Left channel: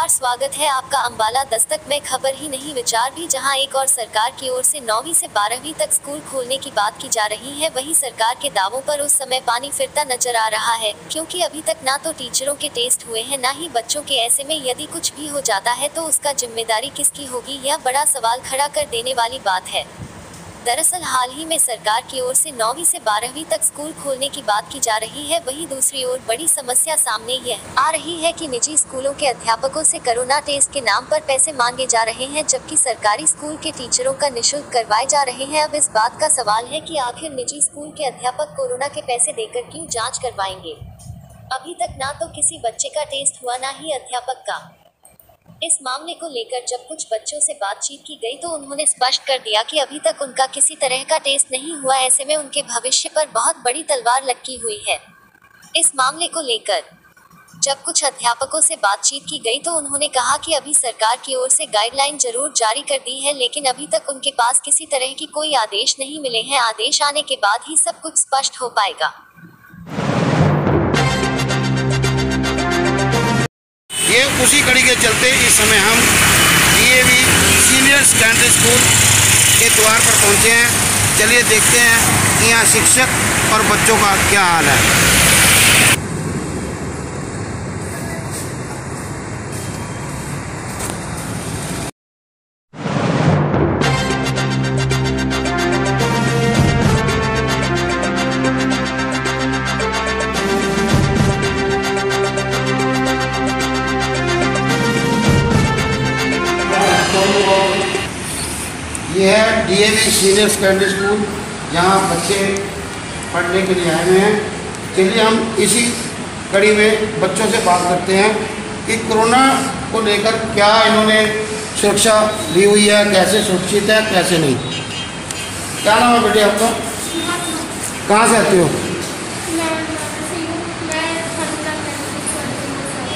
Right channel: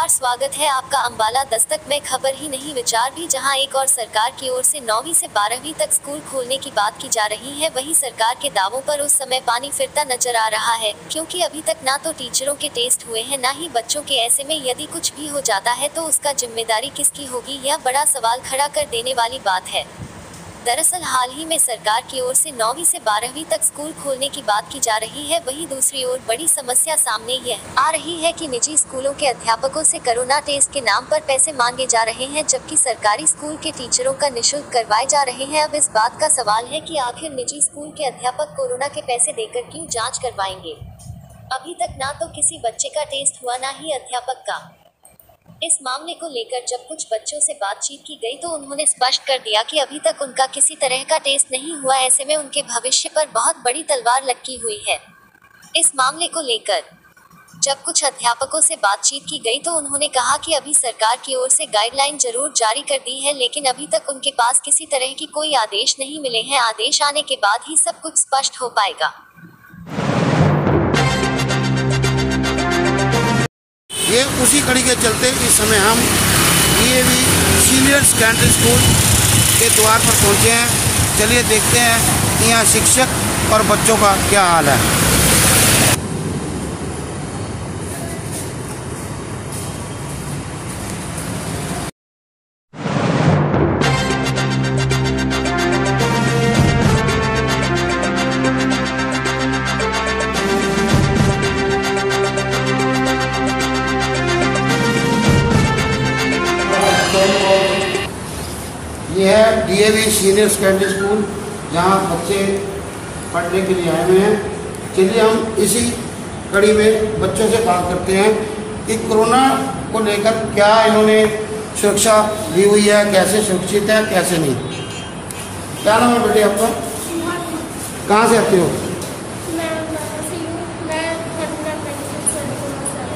नमस्कार, स्वागत है आपका अम्बाला दस्तक में। खबर ही नहीं विचार भी, जहां एक और सरकार की ओर से 9वीं से 12वीं तक स्कूल खोलने की बात की जा रही है, वहीं सरकार के दावों पर उस समय पानी फिरता नजर आ रहा है, क्योंकि अभी तक ना तो टीचरों के टेस्ट हुए हैं ना ही बच्चों के। ऐसे में यदि कुछ भी हो जाता है तो उसका जिम्मेदारी किसकी होगी, यह बड़ा सवाल खड़ा कर देने वाली बात है। दरअसल हाल ही में सरकार की ओर से 9वीं से 12वीं तक स्कूल खोलने की बात की जा रही है। वहीं दूसरी ओर बड़ी समस्या सामने यह आ रही है कि निजी स्कूलों के अध्यापकों से कोरोना टेस्ट के नाम पर पैसे मांगे जा रहे हैं, जबकि सरकारी स्कूल के टीचरों का निःशुल्क करवाए जा रहे हैं। अब इस बात का सवाल है कि आखिर निजी स्कूल के अध्यापक कोरोना के पैसे देकर क्यों जाँच करवाएंगे। अभी तक ना तो किसी बच्चे का टेस्ट हुआ, ना ही अध्यापक का। इस मामले को लेकर जब कुछ बच्चों से बातचीत की गई तो उन्होंने स्पष्ट कर दिया कि अभी तक उनका किसी तरह का टेस्ट नहीं हुआ। ऐसे में उनके भविष्य पर बहुत बड़ी तलवार लटकी हुई है। इस मामले को लेकर जब कुछ अध्यापकों से बातचीत की गई तो उन्होंने कहा कि अभी सरकार की ओर से गाइडलाइन जरूर जारी कर दी है, लेकिन अभी तक उनके पास किसी तरह की कोई आदेश नहीं मिले हैं। आदेश आने के बाद ही सब कुछ स्पष्ट हो पाएगा। ये उसी कड़ी के चलते इस समय हम डीएवी सीनियर सेकेंडरी स्कूल के द्वार पर पहुंचे हैं। चलिए देखते हैं कि यहाँ शिक्षक और बच्चों का क्या हाल है। ये है डीएवी सीनियर सेकेंडरी स्कूल, जहाँ बच्चे पढ़ने के लिए आए हुए हैं। चलिए हम इसी कड़ी में बच्चों से बात करते हैं कि कोरोना को लेकर क्या इन्होंने सुरक्षा ली हुई है, कैसे सुरक्षित है, कैसे नहीं। क्या नाम है बेटे आपका? कहाँ से आती हो?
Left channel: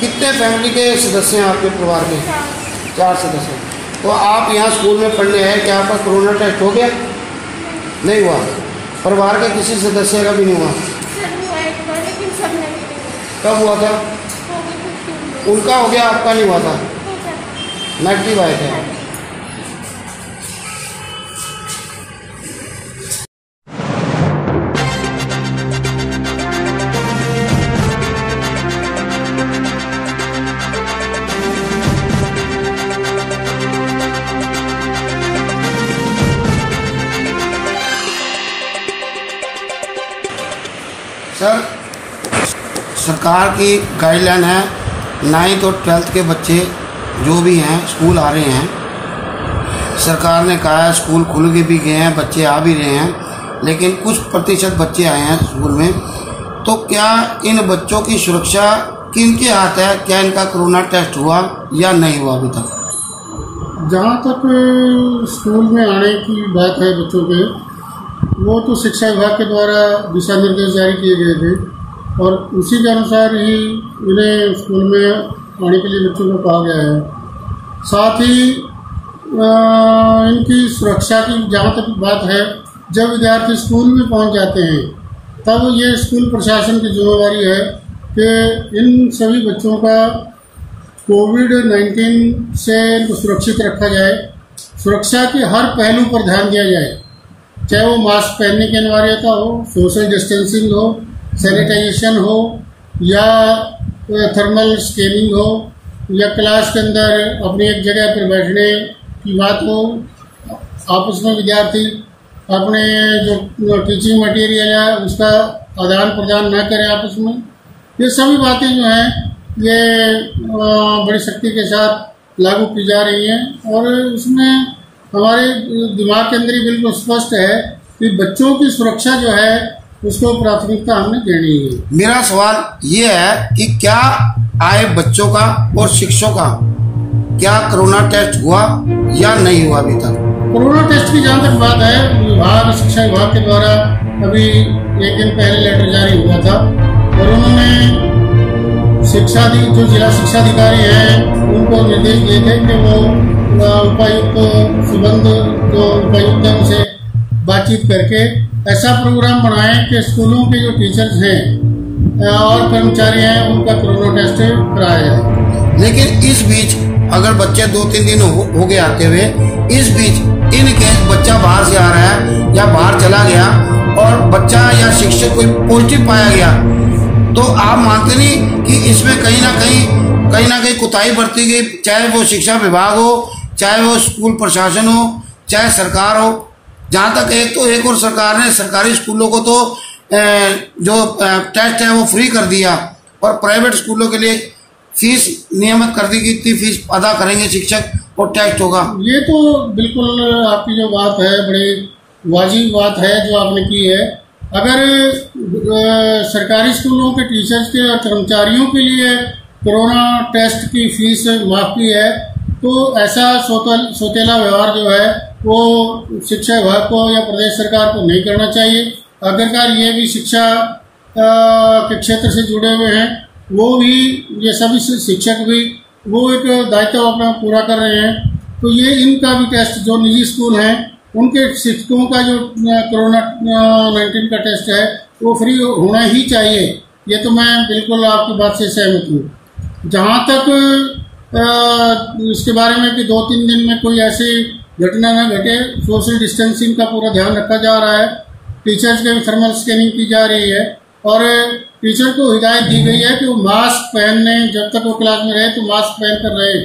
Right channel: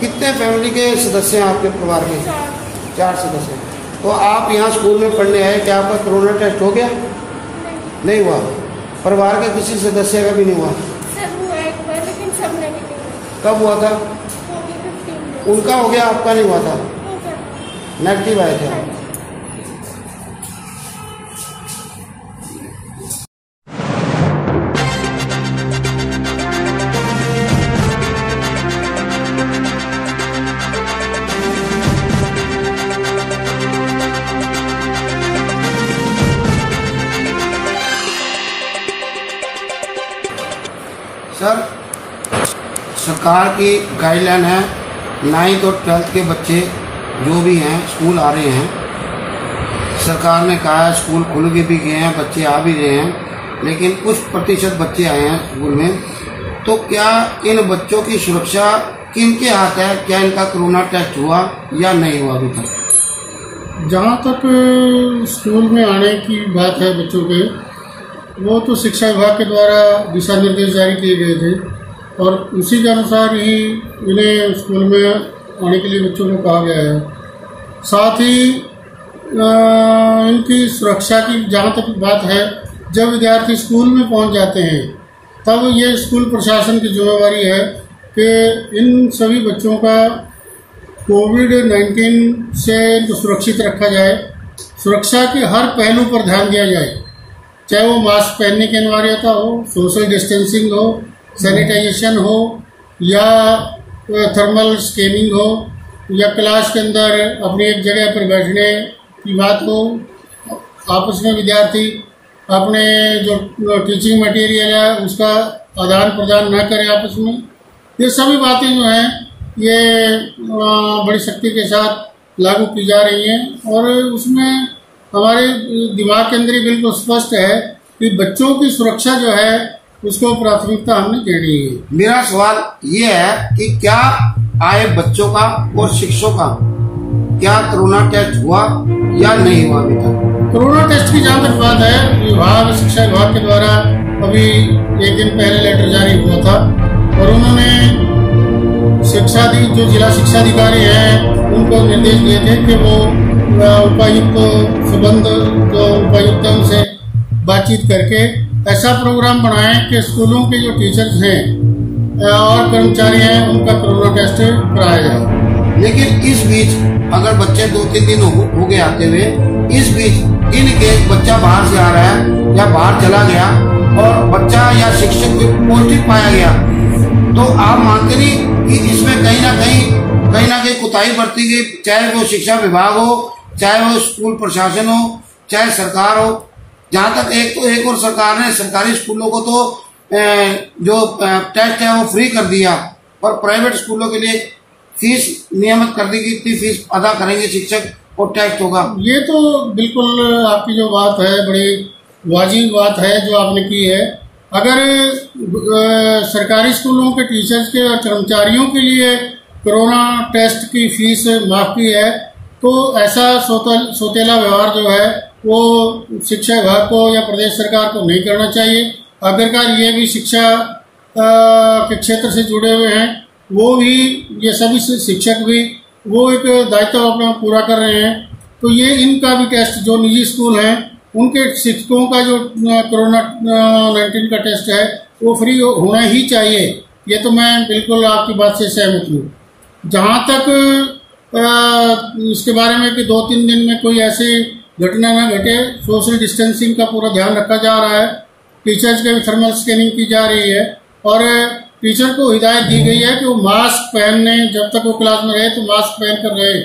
कितने फैमिली के सदस्य हैं आपके परिवार में? 4 सदस्य। तो आप यहाँ स्कूल में पढ़ने आए, क्या आपका कोरोना टेस्ट हो गया? नहीं हुआ। परिवार के किसी सदस्य का भी नहीं हुआ? कब हुआ था? उनका हो गया, आपका नहीं हुआ था? नेगेटिव आए थे। सर, सरकार की गाइडलाइन है 9th और 12th के बच्चे जो भी हैं स्कूल आ रहे हैं। सरकार ने कहा है स्कूल खुल के भी गए हैं, बच्चे आ भी रहे हैं, लेकिन कुछ प्रतिशत बच्चे आए हैं स्कूल में। तो क्या इन बच्चों की सुरक्षा किनके हाथ है? क्या इनका कोरोना टेस्ट हुआ या नहीं हुआ अभी तक? जहाँ तक स्कूल में आने की बात है बच्चों के, वो तो शिक्षा विभाग के द्वारा दिशा निर्देश जारी किए गए थे और उसी के अनुसार ही इन्हें स्कूल में आने के लिए बच्चों को कहा गया है। साथ ही इनकी सुरक्षा की जहाँ तक बात है, जब विद्यार्थी स्कूल में पहुँच जाते हैं तब ये स्कूल प्रशासन की जिम्मेवारी है कि इन सभी बच्चों का कोविड-19 से सुरक्षित रखा जाए। सुरक्षा के हर पहलू पर ध्यान दिया जाए, चाहे वो मास्क पहनने की अनिवार्यता हो, सोशल डिस्टेंसिंग हो, सैनिटाइजेशन हो, या थर्मल स्कैनिंग हो, या क्लास के अंदर अपनी एक जगह पर बैठने की बात हो। आपस में विद्यार्थी अपने जो टीचिंग मटेरियल है उसका आदान प्रदान न करें आपस में। ये सभी बातें जो हैं ये बड़ी सख्ती के साथ लागू की जा रही हैं और उसमें हमारे दिमाग के अंदर ही बिल्कुल स्पष्ट है कि बच्चों की सुरक्षा जो है उसको प्राथमिकता हमने देनी है। मेरा सवाल ये है कि क्या आए बच्चों का और शिक्षकों का क्या कोरोना टेस्ट हुआ या नहीं हुआ अभी तक? कोरोना टेस्ट की जहाँ तक बात है, शिक्षा विभाग के द्वारा अभी एक दिन पहले लेटर जारी हुआ था और उन्होंने जो जिला शिक्षा अधिकारी हैं उनको निर्देश दिए थे कि वो उपायुक्त संबंध जो उपायुक्त है उनसे बातचीत करके ऐसा प्रोग्राम बनाएं कि स्कूलों के जो टीचर्स हैं और कर्मचारी हैं उनका कोरोना टेस्ट कराया जाए। लेकिन इस बीच अगर बच्चे 2-3 दिन हो गए आते हुए, इस बीच इन केस बच्चा बाहर से आ रहा है या बाहर चला गया और बच्चा या शिक्षक कोई पॉजिटिव पाया गया, तो आप मानते नहीं कि इसमें कहीं ना कहीं कुताही बरती गई, चाहे वो शिक्षा विभाग हो, चाहे वो स्कूल प्रशासन हो, चाहे सरकार हो। जहां तक एक और सरकार ने सरकारी स्कूलों को तो जो टेस्ट है वो फ्री कर दिया और प्राइवेट स्कूलों के लिए फीस नियमित कर दी कि इतनी फीस अदा करेंगे शिक्षक और टेस्ट होगा। ये तो बिल्कुल आपकी जो बात है बड़ी वाजिब बात है जो आपने की है। अगर सरकारी स्कूलों के टीचर्स के और कर्मचारियों के लिए कोरोना टेस्ट की फीस माफ की है, तो ऐसा सौतेला व्यवहार जो है वो शिक्षा विभाग को या प्रदेश सरकार को नहीं करना चाहिए। आखिरकार ये भी शिक्षा के क्षेत्र से जुड़े हुए हैं, वो भी, ये सभी शिक्षक भी वो एक दायित्व अपना पूरा कर रहे हैं। तो ये इनका भी टेस्ट, जो निजी स्कूल हैं उनके शिक्षकों का जो कोरोना 19 का टेस्ट है वो फ्री होना ही चाहिए। ये तो मैं बिल्कुल आपकी बात से सहमत हूँ। जहाँ तक इसके बारे में कि 2-3 दिन में कोई ऐसी घटना न घटे, सोशल डिस्टेंसिंग का पूरा ध्यान रखा जा रहा है, टीचर्स के भी थर्मल स्कैनिंग की जा रही है और टीचर को हिदायत दी गई है कि वो मास्क पहनने, जब तक वो क्लास में रहे तो मास्क पहन कर रहे,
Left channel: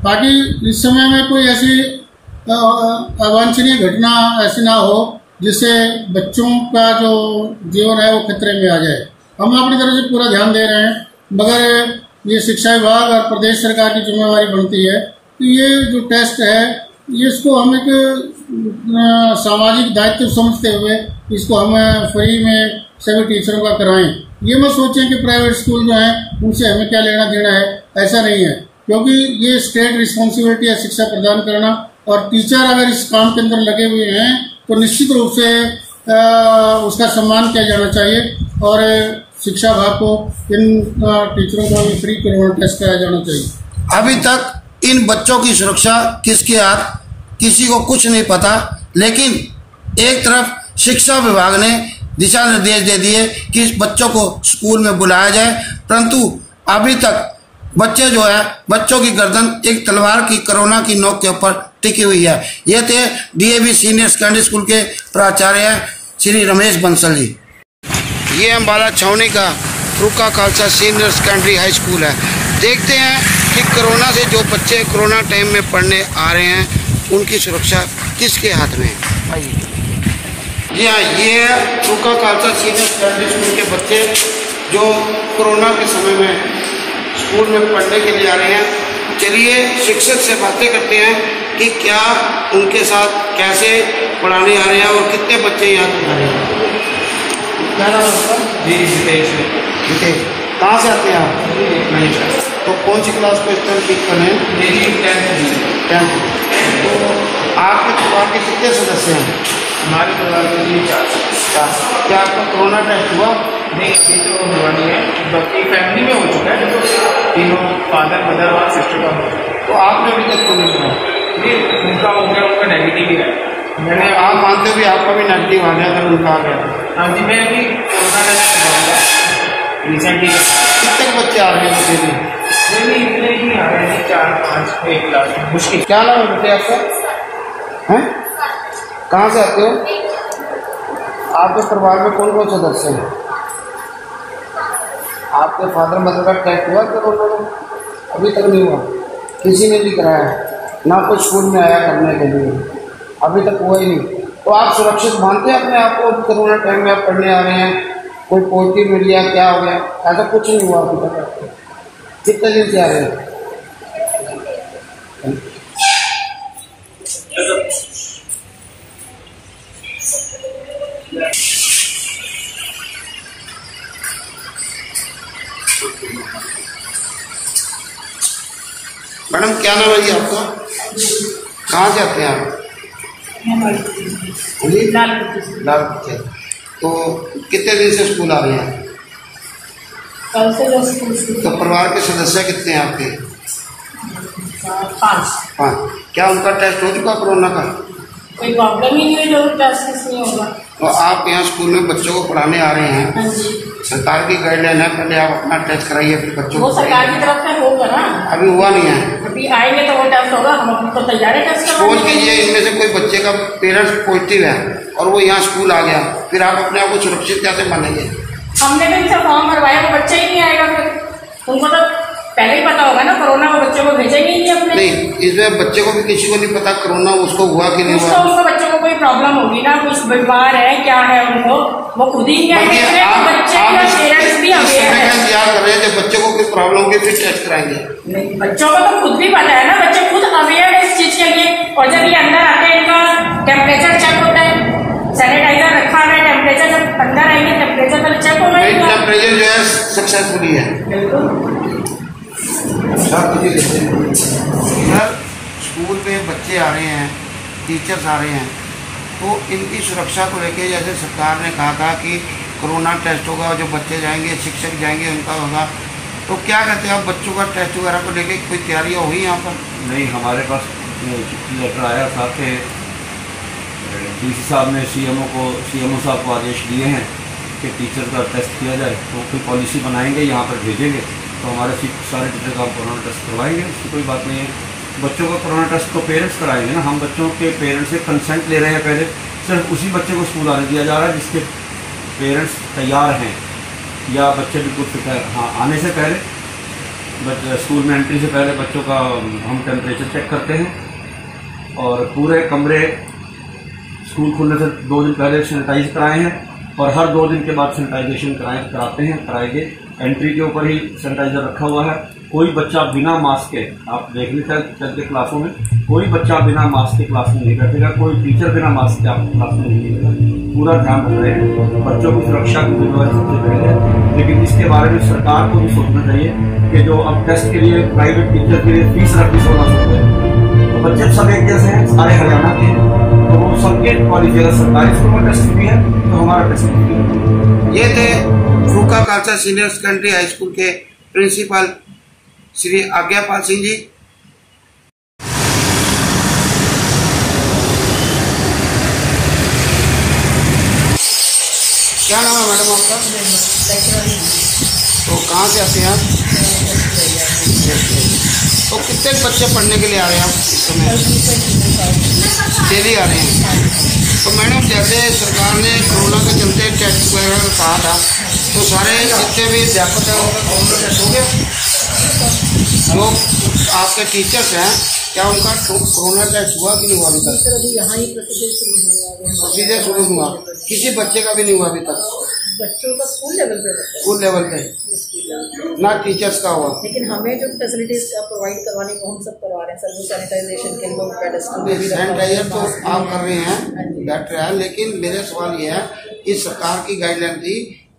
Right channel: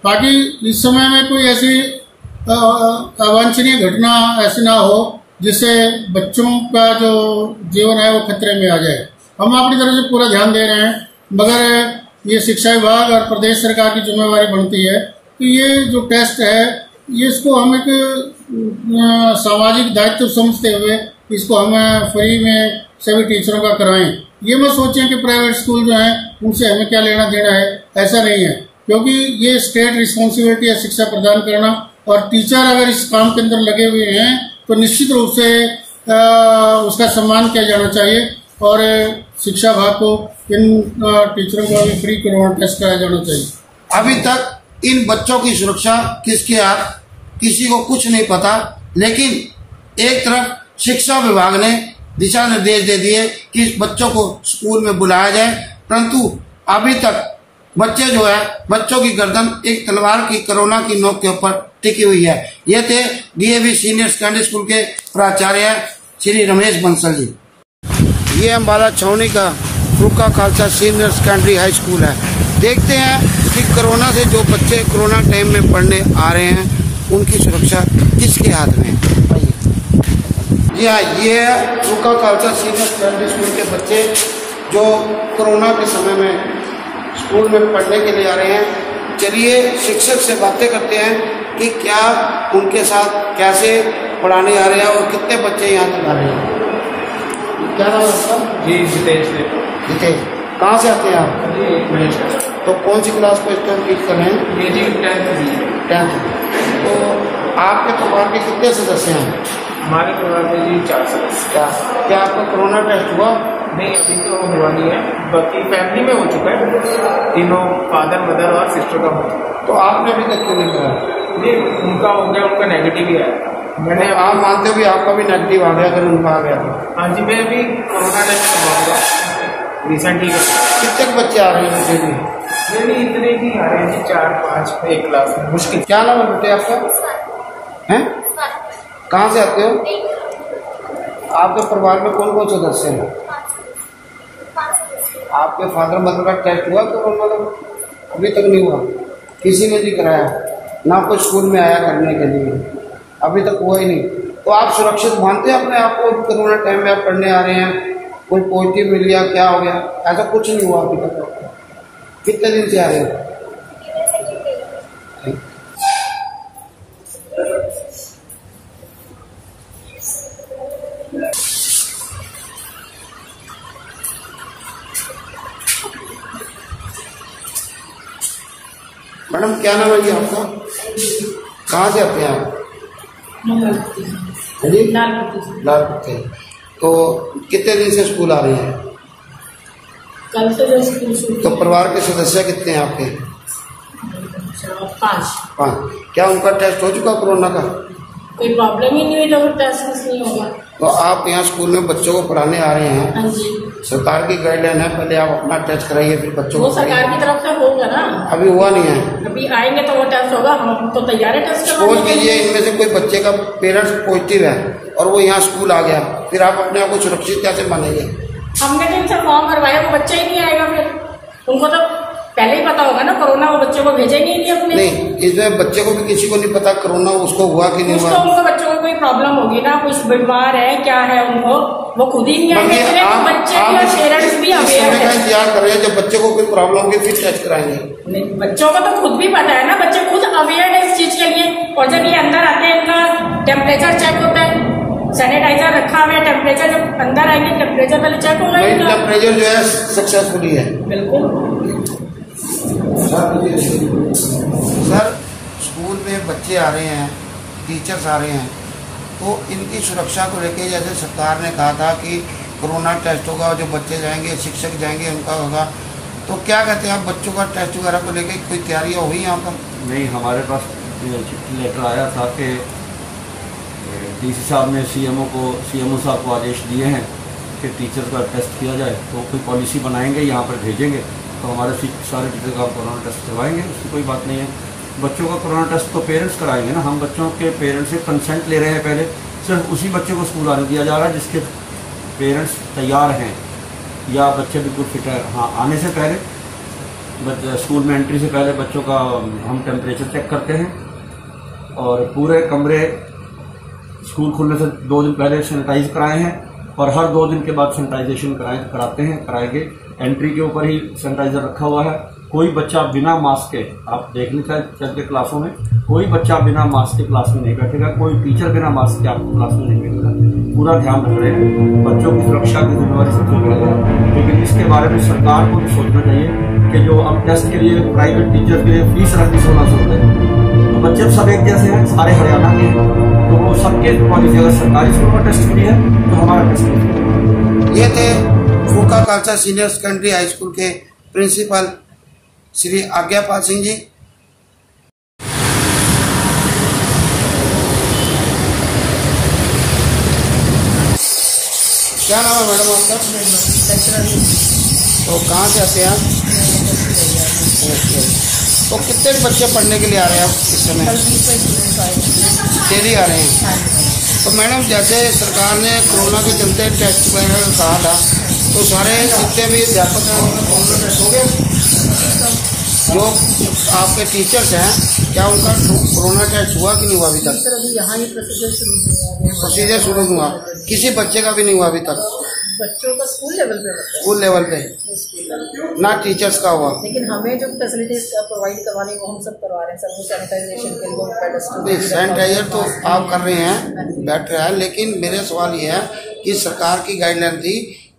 ताकि इस समय में कोई ऐसी अवांछनीय घटना ऐसी ना हो जिससे बच्चों का जो जीवन है वो खतरे में आ जाए। हम अपनी तरफ से पूरा ध्यान दे रहे हैं, मगर ये शिक्षा विभाग और प्रदेश सरकार की जिम्मेवारी बनती है कि ये जो टेस्ट है ये इसको हम एक सामाजिक दायित्व समझते हुए इसको हम फ्री में सभी टीचरों का कराएं। ये मत सोचें कि प्राइवेट स्कूल जो हैं उनसे हमें क्या लेना देना है, ऐसा नहीं है, क्योंकि ये स्टेट रिस्पॉन्सिबिलिटी है शिक्षा प्रदान करना। और टीचर अगर इस काम के अंदर लगे हुए हैं तो निश्चित रूप से उसका सम्मान किया जाना चाहिए और शिक्षा विभाग को इन टीचरों का भी फ्री कोरोना टेस्ट कराया जाना चाहिए। अभी तक इन बच्चों की सुरक्षा किसके हाथ, किसी को कुछ नहीं पता, लेकिन एक तरफ शिक्षा विभाग ने दिशा निर्देश दे दिए कि इस बच्चों को स्कूल में बुलाया जाए, परंतु अभी तक बच्चे जो है, बच्चों की गर्दन एक तलवार की कोरोना की नोक के ऊपर टिकी हुई है। ये थे डीएवी सीनियर सेकेंडरी स्कूल के प्राचार्य श्री रमेश बंसल जी। ये अम्बाला छावनी का Farooka Khalsa senior secondary high school है। देखते हैं कि कोरोना से जो बच्चे कोरोना टाइम में पढ़ने आ रहे हैं उनकी सुरक्षा किसके हाथ में है। जी हाँ, ये है Farooka Khalsa senior secondary school के बच्चे जो कोरोना के समय में स्कूल में पढ़ने के लिए आ रहे हैं। चलिए शिक्षक से बातें करते हैं कि क्या उनके साथ कैसे पढ़ाने आ रहे हैं और कितने बच्चे यहाँ पर आ रहे हैं। क्या नाम है आपका? जी जितेश। जितेश, कहाँ से आते हैं आप? तो कौन सी क्लास को इस टाइम टीच कर रहे हैं? मेरी 10th। तो आपके परिवार के कितने सदस्य हैं? हमारे परिवार में जी 4। क्या आपका कोरोना टेस्ट हुआ? नहीं, अभी तो हुआ नहीं है, बाकी फैमिली में हो चुका है, तीनों फादर मदर और सिस्टर का हो चुका है। तो आपने अभी तक क्यों नहीं हुआ? नहीं, उनका हो गया, उनका नेगेटिव ही आया। मैंने आप मानते हो भी आपका भी नेगेटिव आ गया तो उनका आ गया? हाँ जी, मैं अभी कोरोना टेस्ट करवाऊँगा रिसेंटली। कितने बच्चे आ रहे हैं डेली? नहीं, इतने ही आ रहे हैं, 4-5 एक क्लास में, मुश्किल। क्या नाम है बेटे आपका? हैं? कहाँ से आते हो? आपके परिवार में कौन कौन सदस्य हैं? आपके फादर मदर का टेस्ट हुआ कोरोना का? अभी तक नहीं हुआ, किसी ने नहीं कराया, ना कोई स्कूल में आया करने के लिए, अभी तक हुआ ही नहीं। तो आप सुरक्षित मानते हैं अपने आप को? कोरोना टाइम में आप पढ़ने आ रहे हैं, कोई पॉजिटिव मिल गया, क्या हो गया? ऐसा कुछ नहीं हुआ अभी तक आपको? कितने दिन से आ रहे हैं? मैडम क्या नाम है जी आपका? कहाँ से आते हैं आप? जी लालपुर। तो कितने दिन से स्कूल आ रहे हैं? कल से स्कूल। तो परिवार के सदस्य कितने हैं आपके? 5। क्या उनका टेस्ट हो चुका कोरोना का? कोई प्रॉब्लम ही नहीं हुई तो टेस्ट नहीं होगा। तो आप यहाँ स्कूल में बच्चों को पढ़ाने आ रहे हैं, हाँ जी। सरकार की गाइडलाइन है, पहले आप अपना टेस्ट कराइए फिर बच्चों वो को सरकार की तरफ से होगा ना, अभी हुआ नहीं है। अभी आएंगे तो वो टेस्ट होगा, हम तो तैयार है टेस्ट सपोज करवाने के लिए। कीजिए इनमें से कोई बच्चे का पेरेंट्स पॉजिटिव है और वो यहाँ स्कूल आ गया, फिर आप अपने आप को सुरक्षित कैसे मानेंगे? हमने भी इनसे फॉर्म भरवाया, वो बच्चा ही नहीं आएगा, फिर उनको तो पहले ही पता होगा ना कोरोना, वो बच्चों को भेजेंगे ही नहीं अपने। नहीं, इसमें बच्चे को भी किसी को नहीं पता कोरोना उसको हुआ कि नहीं उसको हुआ। उनको बच्चों को कोई प्रॉब्लम होगी ना, कुछ बीमार है क्या है उनको, वो खुद ही नहीं आएंगे, बच्चे या पेरेंट्स भी अवेयर है। इंतजार कर रहे हैं जब बच्चे को कोई प्रॉब्लम होगी फिर टेस्ट कराएंगे। नहीं, बच्चों को तो खुद भी पता है ना, बच्चे खुद अवेयर है इस चीज के लिए। और जब ये अंदर आते हैं इनका टेम्परेचर चेक होता है, सैनिटाइजर रखा है, टेम्परेचर जब अंदर आएंगे टेम्परेचर पहले चेक होगा। टेम्परेचर जो है सक्सेसफुली है। बिल्कुल। इधर स्कूल में बच्चे आ रहे हैं, टीचर्स आ रहे हैं, तो इनकी सुरक्षा को लेके जैसे सरकार ने कहा था कि कोरोना टेस्ट होगा और जो बच्चे जाएंगे शिक्षक जाएंगे उनका होगा, तो क्या कहते हैं आप बच्चों का टेस्ट वगैरह को लेके कोई तैयारियाँ हुई यहाँ पर? नहीं, हमारे पास लेटर आया था कि डीसी साहब ने सीएमओ साहब को आदेश दिए हैं कि टीचर का टेस्ट किया जाए, तो कोई पॉलिसी बनाएंगे, यहाँ पर भेजेंगे, तो हमारे सारे टीचर का कोरोना टेस्ट करवाएंगे, उसकी कोई बात नहीं है। बच्चों का कोरोना टेस्ट तो पेरेंट्स कराएंगे ना, हम बच्चों के पेरेंट्स से कंसेंट ले रहे हैं, पहले सिर्फ उसी बच्चे को स्कूल आने दिया जा रहा है जिसके पेरेंट्स तैयार हैं या बच्चे बिल्कुल फिट है। हाँ, आने से पहले स्कूल में एंट्री से पहले बच्चों का हम टेम्परेचर चेक करते हैं और पूरे कमरे स्कूल खुलने से 2 दिन पहले सैनिटाइज कराए हैं और हर 2 दिन के बाद सैनिटाइजेशन कराएंगे। एंट्री के ऊपर ही सैनिटाइजर रखा हुआ है। कोई बच्चा बिना मास्क के, आप देख लें चलते क्लासों में, कोई बच्चा बिना मास्क के क्लास में नहीं बैठेगा, कोई टीचर बिना मास्क के आपको क्लास में नहीं मिलेगा। पूरा ध्यान रख रहे हैं, बच्चों की सुरक्षा की जिम्मेवारी सबसे पहले है। लेकिन इसके बारे में सरकार को भी सोचना चाहिए कि जो अब टेस्ट के लिए प्राइवेट टीचर के लिए फीस रखी 1600 रुपये, तो बच्चे सब एक जैसे हैं, सारे हरियाणा के, तो वो सबके पॉलिसी, अगर सरकारी स्कूल में टेस्ट फ्री है तो हमारा टेस्ट फ्री है। ये थे Farooka Khalsa senior secondary high school के प्रिंसिपल श्री आज्ञापाल सिंह जी। क्या नाम है मैडम आपका? तो कहाँ से आते हैं आप? तो कितने बच्चे पढ़ने के लिए आ रहे हैं आप इस समय? डेली आ रहे हैं। तो मैडम जैसे सरकार ने कोरोना के चलते टेस्ट वगैरह का कहा था, तो सारे जितने भी अध्यापक हैं उनका कोरोना टेस्ट हो गया? जो आपके टीचर्स हैं क्या उनका कोरोना टेस्ट हुआ कि नहीं हुआ अभी तक? सर अभी यहाँ ही प्रोसीजर शुरू हुआ, किसी बच्चे का भी नहीं हुआ अभी तक? बच्चों का स्कूल लेवल पे होता है, स्कूल लेवल पे, ना टीचर्स का हुआ। लेकिन हमें जो फैसिलिटीज प्रोवाइड करवानी वो हम सब करवा रहे हैं सर। वो सैनिटाइजेशन के लिए सैनिटाइजर तो आप कर रहे हैं, बैठ रहा है, लेकिन मेरे सवाल ये है कि सरकार की गाइडलाइन थी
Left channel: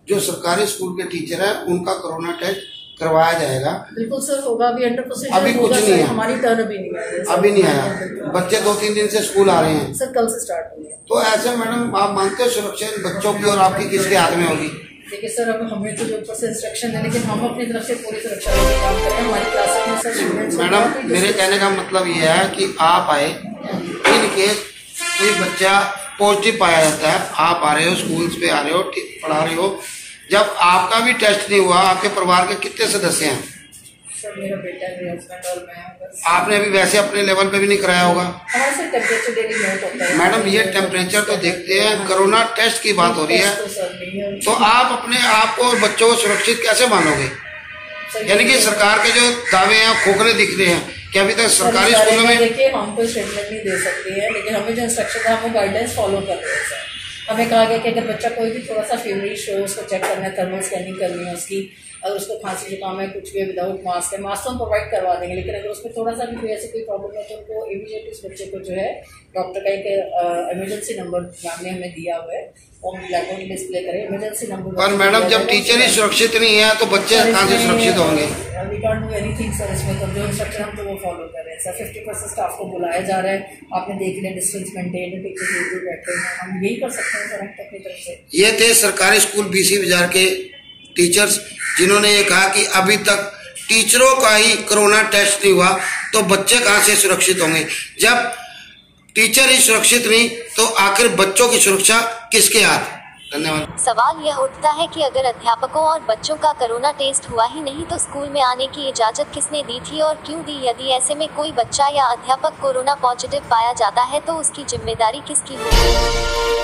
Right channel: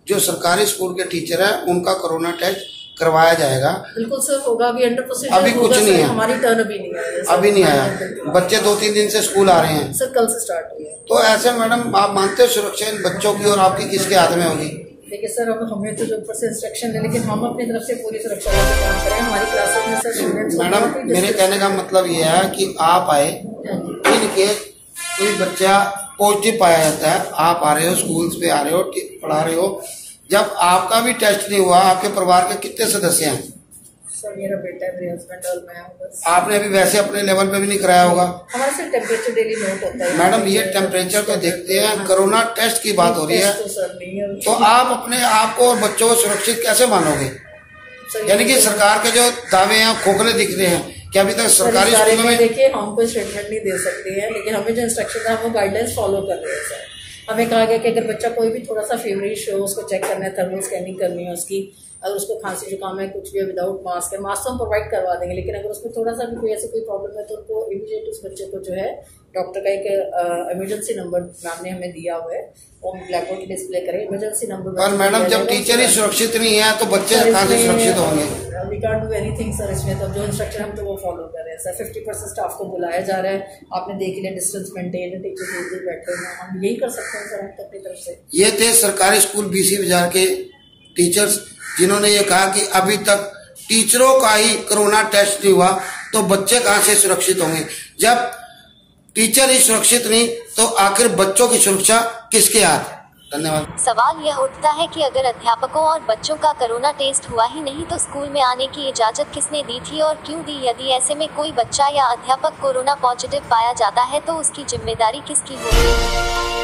जो सरकारी स्कूल के टीचर है उनका कोरोना टेस्ट करवाया जाएगा। बिल्कुल सर होगा, अभी अंडर प्रोसीजर अभी कुछ नहीं है, हमारी टर्न अभी नहीं आई है, अभी नहीं आया। बच्चे 2-3 दिन से स्कूल आ रहे हैं सर, कल से स्टार्ट हुई है। तो ऐसे मैडम आप मानते हो सुरक्षा बच्चों की और आपकी किसके हाथ में होगी? देखिए सर, अब हमें तो जो ऊपर से इंस्ट्रक्शन है, लेकिन हम अपनी तरफ से पूरी सुरक्षा का काम करें। हमारी क्लासेस में सर स्टूडेंट्स, मैडम मेरे कहने का मतलब ये है कि आप आए, इन केस कोई बच्चा पॉजिटिव पाया जाता है, आप आ रहे हो, स्कूल पे आ रहे हो, पढ़ा रहे हो, जब आपका भी टेस्ट नहीं हुआ, आपके परिवार के कितने सदस्य हैं? सर मेरा बेटा, मेरे हस्बैंड और मैं, बस। आपने अभी वैसे अपने लेवल पे भी नहीं कराया होगा? हमारे से टेम्परेचर डेली नोट होता है मैडम। ये टेम्परेचर तो देखते हैं, कोरोना टेस्ट की बात हो रही है, तो आप अपने आप को और बच्चों को सुरक्षित कैसे मानोगे? यानी कि सरकार के जो दावे हैं खोखले दिख रहे हैं कि अभी तक सरकारी स्कूलों में। देखिए हम कोई स्टेटमेंट नहीं दे सकते हैं, लेकिन हमें जो इंस्ट्रक्शन है हम वो गाइडलाइंस फॉलो कर रहे हैं सर। हमें कहा गया कि अगर बच्चा कोई भी थोड़ा सा फीवरिश हो, उसको चेक करना है, थर्मल स्कैनिंग करनी है उसकी, अगर उसको खांसी जुकाम है, कुछ भी है, विदाउट मास्क है, मास्क तो हम प्रोवाइड करवा देंगे, लेकिन अगर उसमें थोड़ा सा भी कोई ऐसी कोई प्रॉब्लम है तो उनको इमीडिएट उस बच्चे को जो है डॉक्टर का एक इमरजेंसी नंबर मैम ने हमें दिया हुआ है, वो ब्लैक बोर्ड डिस्प्ले करें, इमरजेंसी नंबर। पर मैडम जब टीचर ही सुरक्षित नहीं है तो बच्चे कहाँ से सुरक्षित होंगे? We can't do anything sir इसमें, तो जो इंस्ट्रक्शन हम तो वो फॉलो कर रहे हैं सर। 50% स्टाफ को बुलाया जा रहा है, आपने देख लिया, डिस्टेंस मेंटेन है, टीचर दूर बैठे हैं, हम यही कर सकते हैं सर हम अपनी तरफ से। ये थे सरकारी स्कूल BC बाजार के टीचर्स जिन्होंने ये कहा कि अभी तक टीचरों का ही कोरोना टेस्ट नहीं हुआ तो बच्चे कहाँ से सुरक्षित होंगे? जब टीचर ही सुरक्षित नहीं तो आखिर बच्चों की सुरक्षा किसके हाथ? धन्यवाद। सवाल यह उठता है कि अगर अध्यापकों और बच्चों का कोरोना टेस्ट हुआ ही नहीं तो स्कूल में आने की इजाजत किसने दी थी और क्यों दी? यदि ऐसे में कोई बच्चा या अध्यापक कोरोना पॉजिटिव पाया जाता है तो उसकी जिम्मेदारी किसकी होगी?